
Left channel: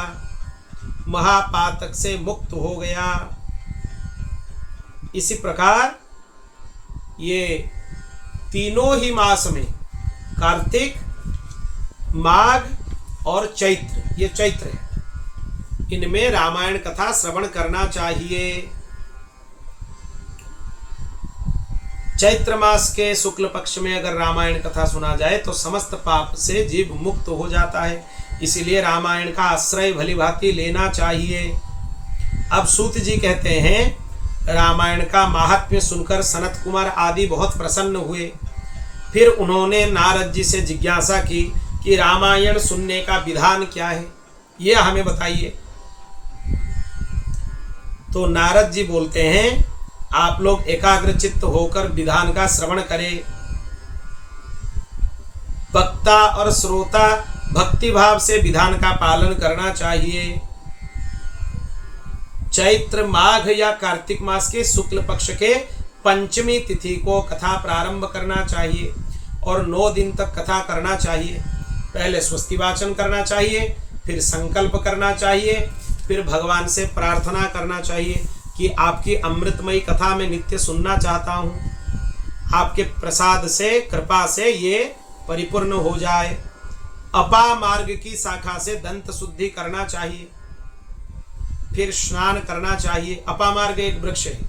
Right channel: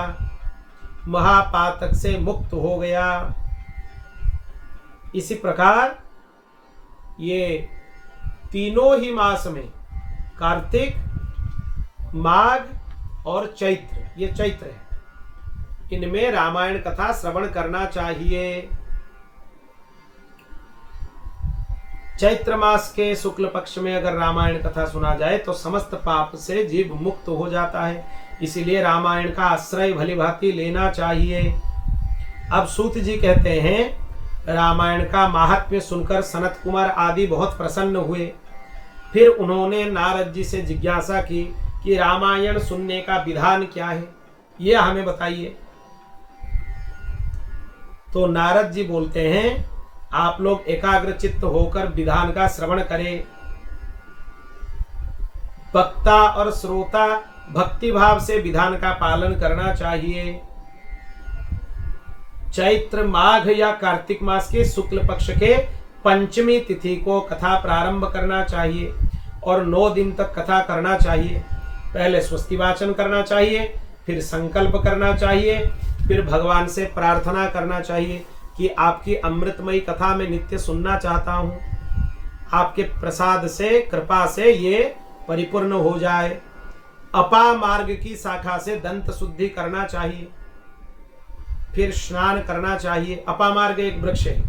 महापातक से मुक्त हो गया। इसी प्रकार ये तीनों ही मास में, कार्तिक, माघ और चैत्र, ये चैत्र है, इनमें रामायण कथा श्रवण करना चाहिए। चैत्र मास के शुक्ल पक्ष में अगर रामायण कथा सुना जाए तो समस्त पाप से जीव मुक्त हो जाता है, इसीलिए रामायण का आश्रय भली भांति लेना चाहिए। अब सूत जी कहते हैं, रामायण का माहात्म्य सुनकर सनत कुमार आदि बहुत प्रसन्न हुए। फिर उन्होंने नारद जी से जिज्ञासा की कि रामायण सुनने का विधान क्या है, यह हमें बताइए। तो नारद जी बोलते हैं, आप लोग एकाग्रचित्त होकर विधान का श्रवण करें। वक्ता और श्रोता भक्ति भाव से विधान का पालन करना चाहिए। चैत्र, माघ या कार्तिक मास के शुक्ल पक्ष के पंचमी तिथि को कथा प्रारंभ करना चाहिए और 9 दिन तक कथा करना चाहिए। पहले स्वस्ति वाचन करना चाहिए, फिर संकल्प करना चाहिए, फिर भगवान से प्रार्थना करना चाहिए कि आपकी अमृतमयी कथा में नित्य सुनना चाहता हूँ, आपके प्रसाद से, कृपा से ये परिपूर्ण हो जाए। अपा मार्ग की शाखा से दंत शुद्धि करना चाहिए, फिर स्नान करना चाहिए। अपा मार्ग एक वृक्ष है।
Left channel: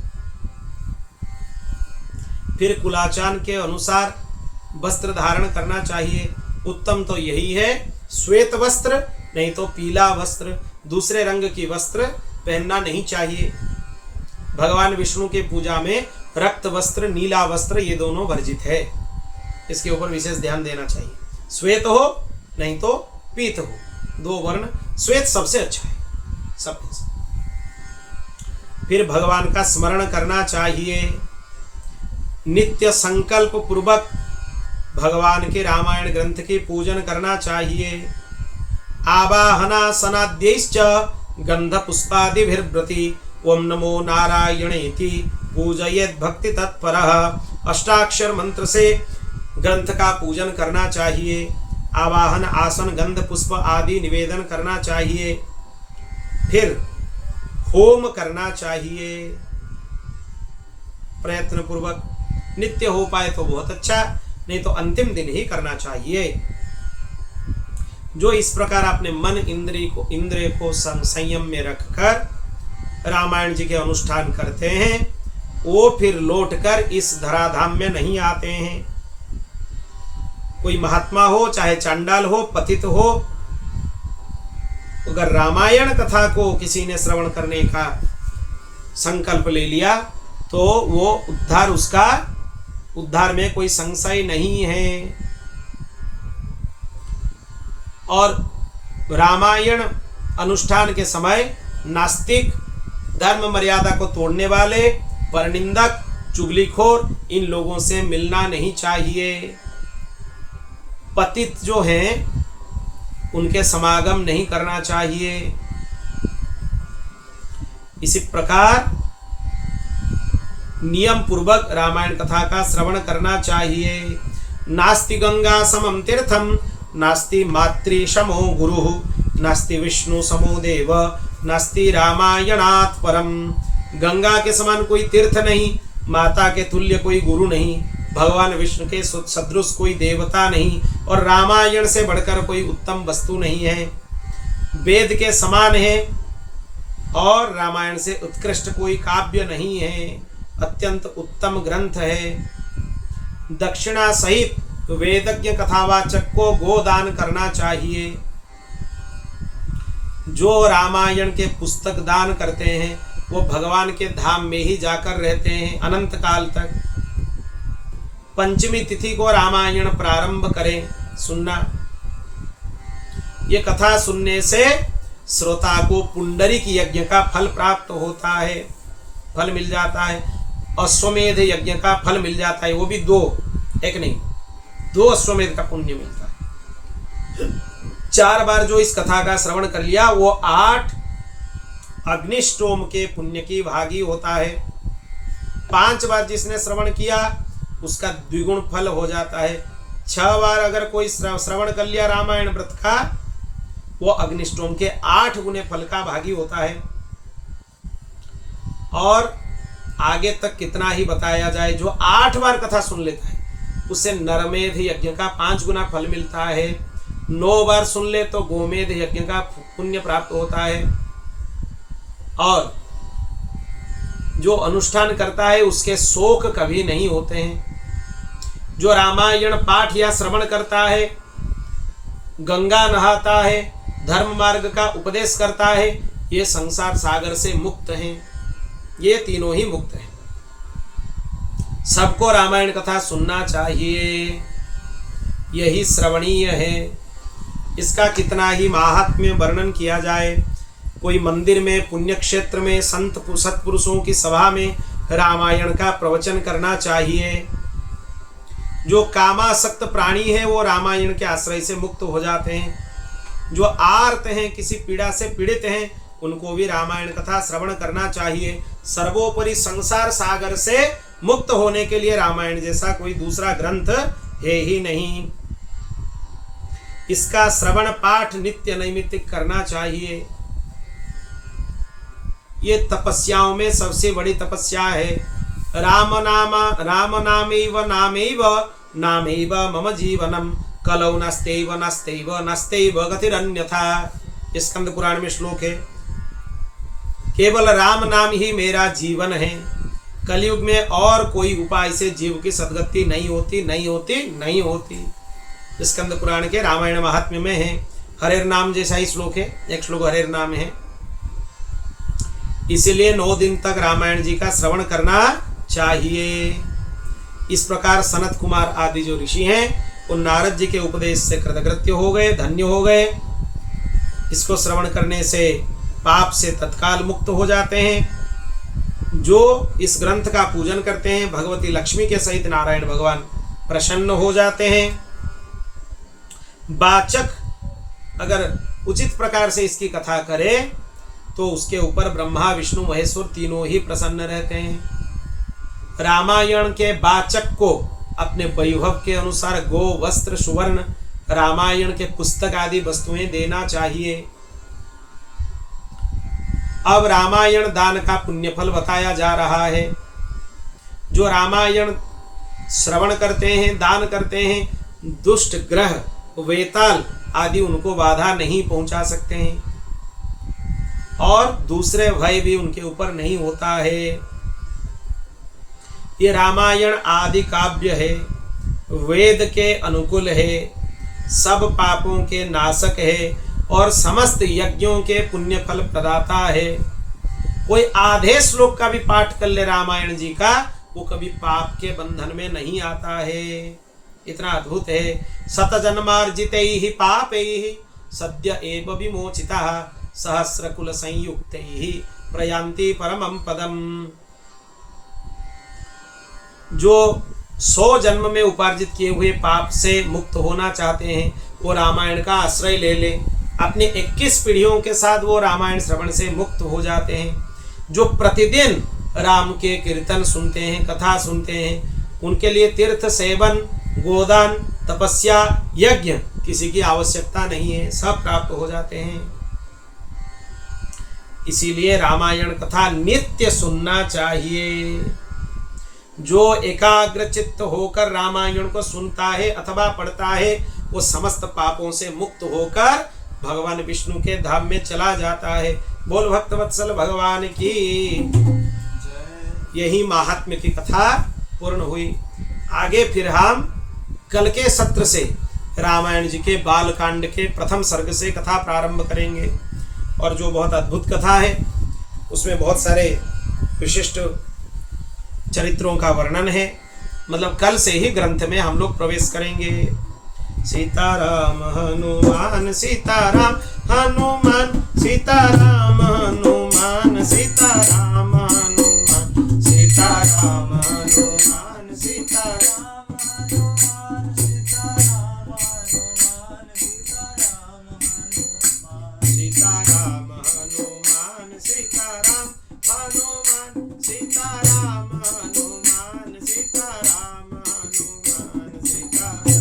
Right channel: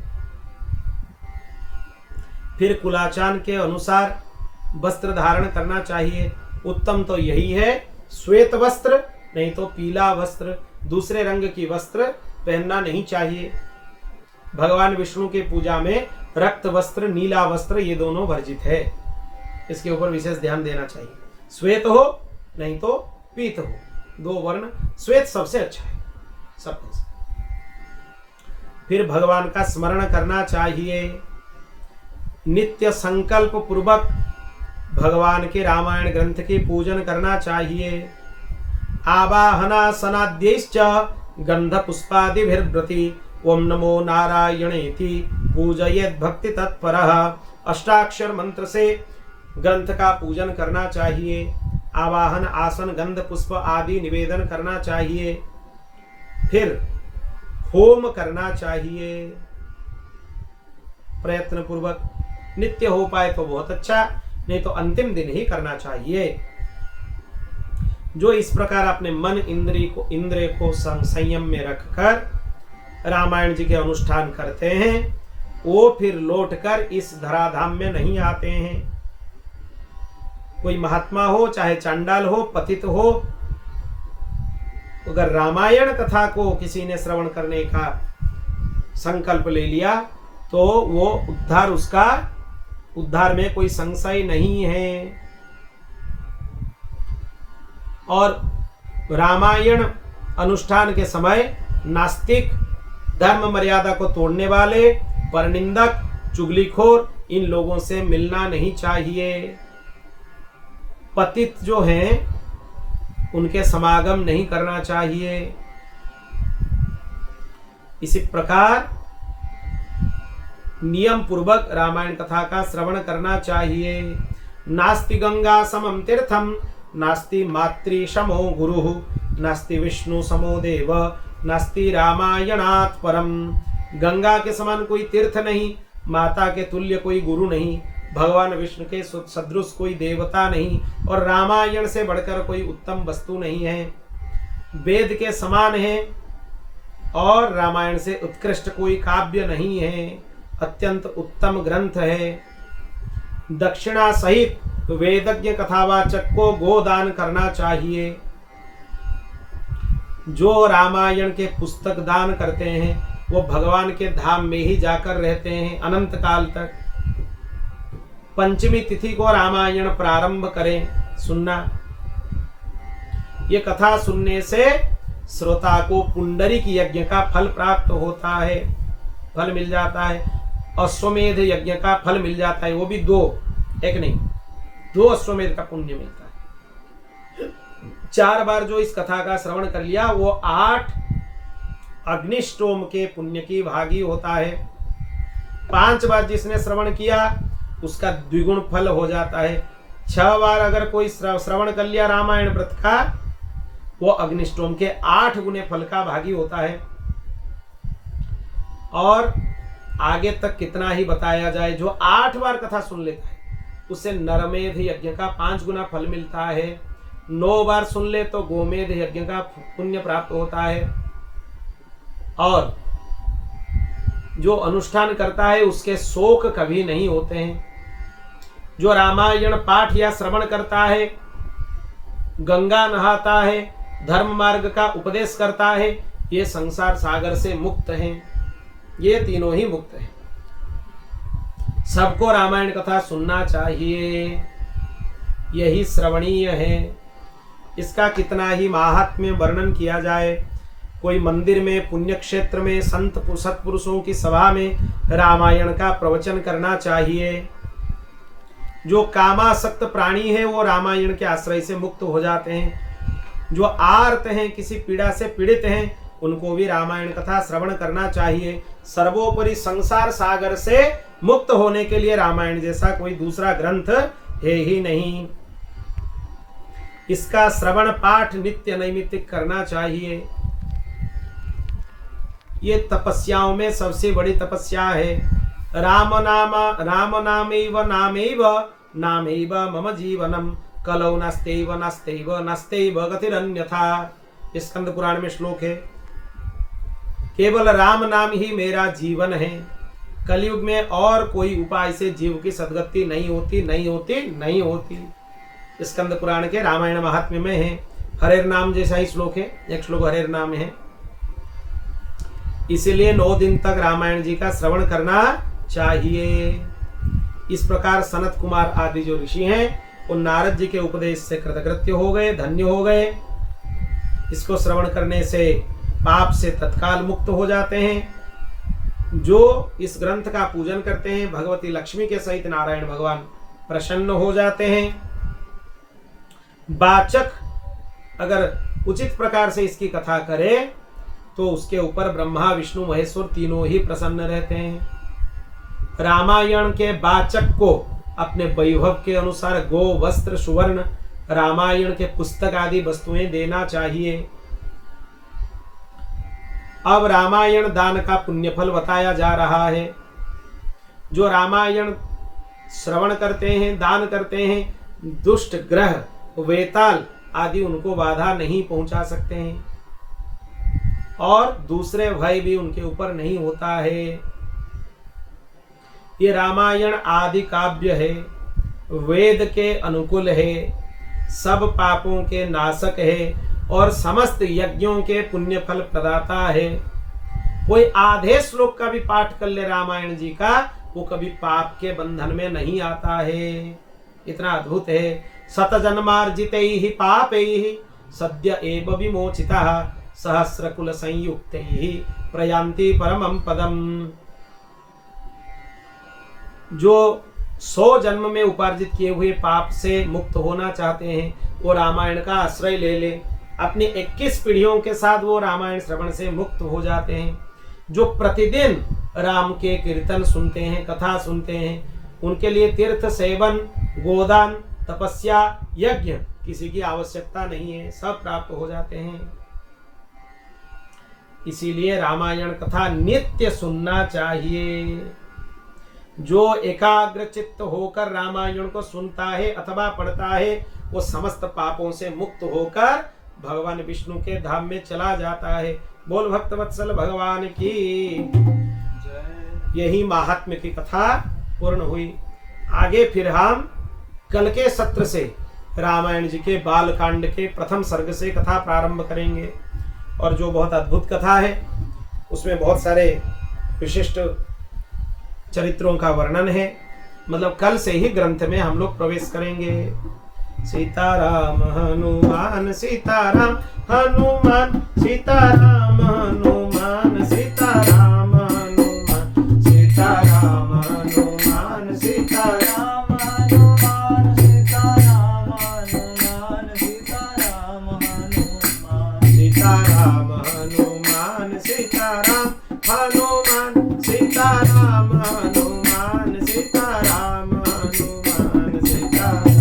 फिर कुलाचान के अनुसार वस्त्र धारण करना चाहिए। उत्तम तो यही है, श्वेत वस्त्र, नहीं तो पीला वस्त्र, दूसरे रंग की वस्त्र पहनना नहीं चाहिए। भगवान विष्णु की पूजा में रक्त वस्त्र, नीला वस्त्र, ये दोनों वर्जित है। इसके ऊपर विशेष ध्यान देना चाहिए। श्वेत हो नहीं तो पीत हो, 2 वर्ण, श्वेत सबसे अच्छा है सब। फिर भगवान का स्मरण करना चाहिए। नित्य संकल्प पूर्वक भगवान के रामायण ग्रंथ की पूजन करना चाहिए। आवाहनासनाद्यैश्च गंध पुष्पादिभिर्व्रति ओम नमो नारायणेति पूजयेत् भक्ति तत्परः। अष्टाक्षर मंत्र से ग्रंथ का पूजन करना चाहिए। आवाहन, आसन, गंध पुष्प आदि निवेदन करना चाहिए। फिर होम करना चाहिए प्रयत्न पूर्वक। नित्य हो पाए तो बहुत अच्छा, नहीं तो अंतिम दिन ही करना चाहिए। जो इस प्रकार अपने मन इंद्रिय को संयम में रखकर रामायण जी के अनुष्ठान करते हैं, वो फिर लौटकर इस धराधाम में नहीं आते हैं। कोई महात्मा हो, चाहे चांडाल हो, पतित हो, अगर रामायण कथा को किसी ने श्रवण करने का संकल्प ले लिया तो वो उद्धार में कोई संशय नहीं है। और रामायण अनुष्ठान के समय नास्तिक, धर्म मर्यादा को तोड़ने वाले, परनिंदक, चुगलीखोर, इन लोगों से मिलना नहीं चाहिए। पतित जो हैं उनके समागम नहीं करना चाहिए। इसी प्रकार नियम पूर्वक रामायण कथा का श्रवण करना चाहिए। नास्ति गंगा समम तीर्थम नास्ति मातृ समो गुरु नास्ति विष्णु समो देव नास्ति रामायणात् परम। गंगा के समान कोई तीर्थ नहीं, माता के तुल्य कोई गुरु नहीं, भगवान विष्णु के सदृश कोई देवता नहीं, और रामायण से बढ़कर कोई उत्तम वस्तु नहीं है। वेद के समान है और रामायण से उत्कृष्ट कोई काव्य नहीं है। अत्यंत उत्तम ग्रंथ है। दक्षिणा सहित वेदज्ञ कथावाचक को गोदान करना चाहिए। जो रामायण के पुस्तक दान करते हैं वो भगवान के धाम में ही जाकर रहते हैं अनंत काल तक। पंचमी तिथि को रामायण प्रारंभ करें सुनना। ये कथा सुनने से श्रोता को पुंडरीक यज्ञ का फल प्राप्त होता है, फल मिल जाता है। अश्वमेध यज्ञ का फल मिल जाता है, वो भी 2, एक नहीं 2 अश्वमेध का पुण्य मिलता है। 4 बार जो इस कथा का श्रवण कर लिया वो 8 अग्निष्टोम के पुण्य की भागी होता है। 5 बार जिसने श्रवण किया उसका द्विगुण फल हो जाता है। 6 बार अगर कोई श्रवण कर लिया रामायण व्रत का वो अग्निष्टोम के 8 गुने फल का भागी होता है। और आगे तक कितना ही बताया जाए, जो 8 बार कथा सुन लेता है उसे नरमेध यज्ञ का 5 गुना फल मिलता है। 9 बार सुन ले तो गोमेध यज्ञ का पुण्य प्राप्त होता है। और जो अनुष्ठान करता है उसके शोक कभी नहीं होते हैं। जो रामायण पाठ या श्रवण करता है, गंगा नहाता है, धर्म मार्ग का उपदेश करता है, ये संसार सागर से मुक्त हैं। ये तीनों ही मुक्त हैं। सबको रामायण कथा सुनना चाहिए, यही श्रवणीय है। इसका कितना ही महात्म्य वर्णन किया जाए। कोई मंदिर में, पुण्य क्षेत्र में, संत सत्पुरुषों की सभा में रामायण का प्रवचन करना चाहिए। जो कामासक्त प्राणी है वो रामायण के आश्रय से मुक्त हो जाते हैं। जो आर्त हैं, किसी पीड़ा से पीड़ित हैं, उनको भी रामायण कथा श्रवण करना चाहिए। सर्वोपरि संसार सागर से मुक्त होने के लिए रामायण जैसा कोई दूसरा ग्रंथ है ही नहीं। इसका श्रवण पाठ नित्य नैमित्तिक करना चाहिए। ये तपस्याओं में सबसे बड़ी तपस्या है। राम नामैव नामैव नामैव मम जीवनम कलौ नस्तैव नस्तैव नस्तैव गतिरन्यथा। स्कंद पुराण में श्लोक है। केवल राम नाम ही मेरा जीवन है। कलयुग में और कोई उपाय से जीव की सद्गति नहीं होती, नहीं होती, नहीं होती। स्कंद पुराण के रामायण महात्म्य में है। हरेर नाम जैसा ही श्लोक है, एक श्लोक हरेर नाम है। इसीलिए 9 दिन तक रामायण जी का श्रवण करना चाहिए। इस प्रकार सनत कुमार आदि जो ऋषि हैं वो नारद जी के उपदेश से कृतकृत्य हो गए, धन्य हो गए। इसको श्रवण करने से पाप से तत्काल मुक्त हो जाते हैं। जो इस ग्रंथ का पूजन करते हैं भगवती लक्ष्मी के सहित नारायण भगवान प्रसन्न हो जाते हैं। वाचक अगर उचित प्रकार से इसकी कथा करे तो उसके ऊपर ब्रह्मा विष्णु महेश्वर तीनों ही प्रसन्न रहते हैं। रामायण के वाचक को अपने वैभव के अनुसार गो, वस्त्र, सुवर्ण, रामायण के पुस्तक आदि वस्तुएं देना चाहिए। अब रामायण दान का पुण्यफल बताया जा रहा है। जो रामायण श्रवण करते हैं, दान करते हैं, दुष्ट ग्रह, वेताल आदि उनको बाधा नहीं पहुंचा सकते हैं और दूसरे भय भी उनके ऊपर नहीं होता है। ये रामायण आदि काव्य है, वेद के अनुकूल है, सब पापों के नाशक है और समस्त यज्ञों के पुण्य फल प्रदाता है। कोई आधे श्लोक का भी पाठ कर ले रामायण जी का, वो कभी पाप के बंधन में नहीं आता है। इतना अद्भुत है। शतजन्मार्जितैः पापैः सद्य एव विमोचितः सहस्रकुल संयुक्तैः प्रयान्ति परमं पदम। जो 100 जन्म में उपार्जित किए हुए पाप से मुक्त होना चाहते हैं वो रामायण का आश्रय ले ले। अपने 21 पीढ़ियों के साथ वो रामायण श्रवण से मुक्त हो जाते हैं। जो प्रतिदिन राम के कीर्तन सुनते हैं, कथा सुनते हैं, उनके लिए तीर्थ सेवन, गोदान, तपस्या, यज्ञ किसी की आवश्यकता नहीं है, सब प्राप्त हो जाते हैं। इसीलिए रामायण कथा नित्य सुनना चाहिए। जो एकाग्र चित्त होकर रामायण को सुनता है अथवा पढ़ता है, वो समस्त पापों से मुक्त होकर भगवान विष्णु के धाम में चला जाता है। बोल भक्तवत्सल भगवान की। यही महात्म्य की कथा पूर्ण हुई। आगे फिर हम कल के सत्र से रामायण जी के बाल कांड के प्रथम सर्ग से कथा प्रारंभ करेंगे, और जो बहुत अद्भुत कथा है, उसमें बहुत सारे विशिष्ट चरित्रों का वर्णन है। मतलब कल से ही ग्रंथ में हम लोग प्रवेश करेंगे। सीताराम हनुमान सीताराम हनुमान सीताराम हनुमान सीताराम हनुमान सीताराम हनुमान सीताराम हनुमान सीताराम हनुमान सीताराम हनुमान सीताराम हनुमान सीताराम हनुमान सीताराम हनुमान सीताराम हनुमान सीताराम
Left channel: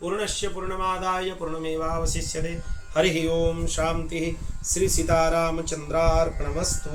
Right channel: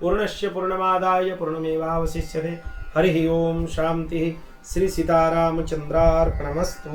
पूर्णस्य पूर्णमादाय पूर्णमेवावशिष्यते। हरि ओम शांति। श्री सीतारामचंद्रार्पणमस्तु।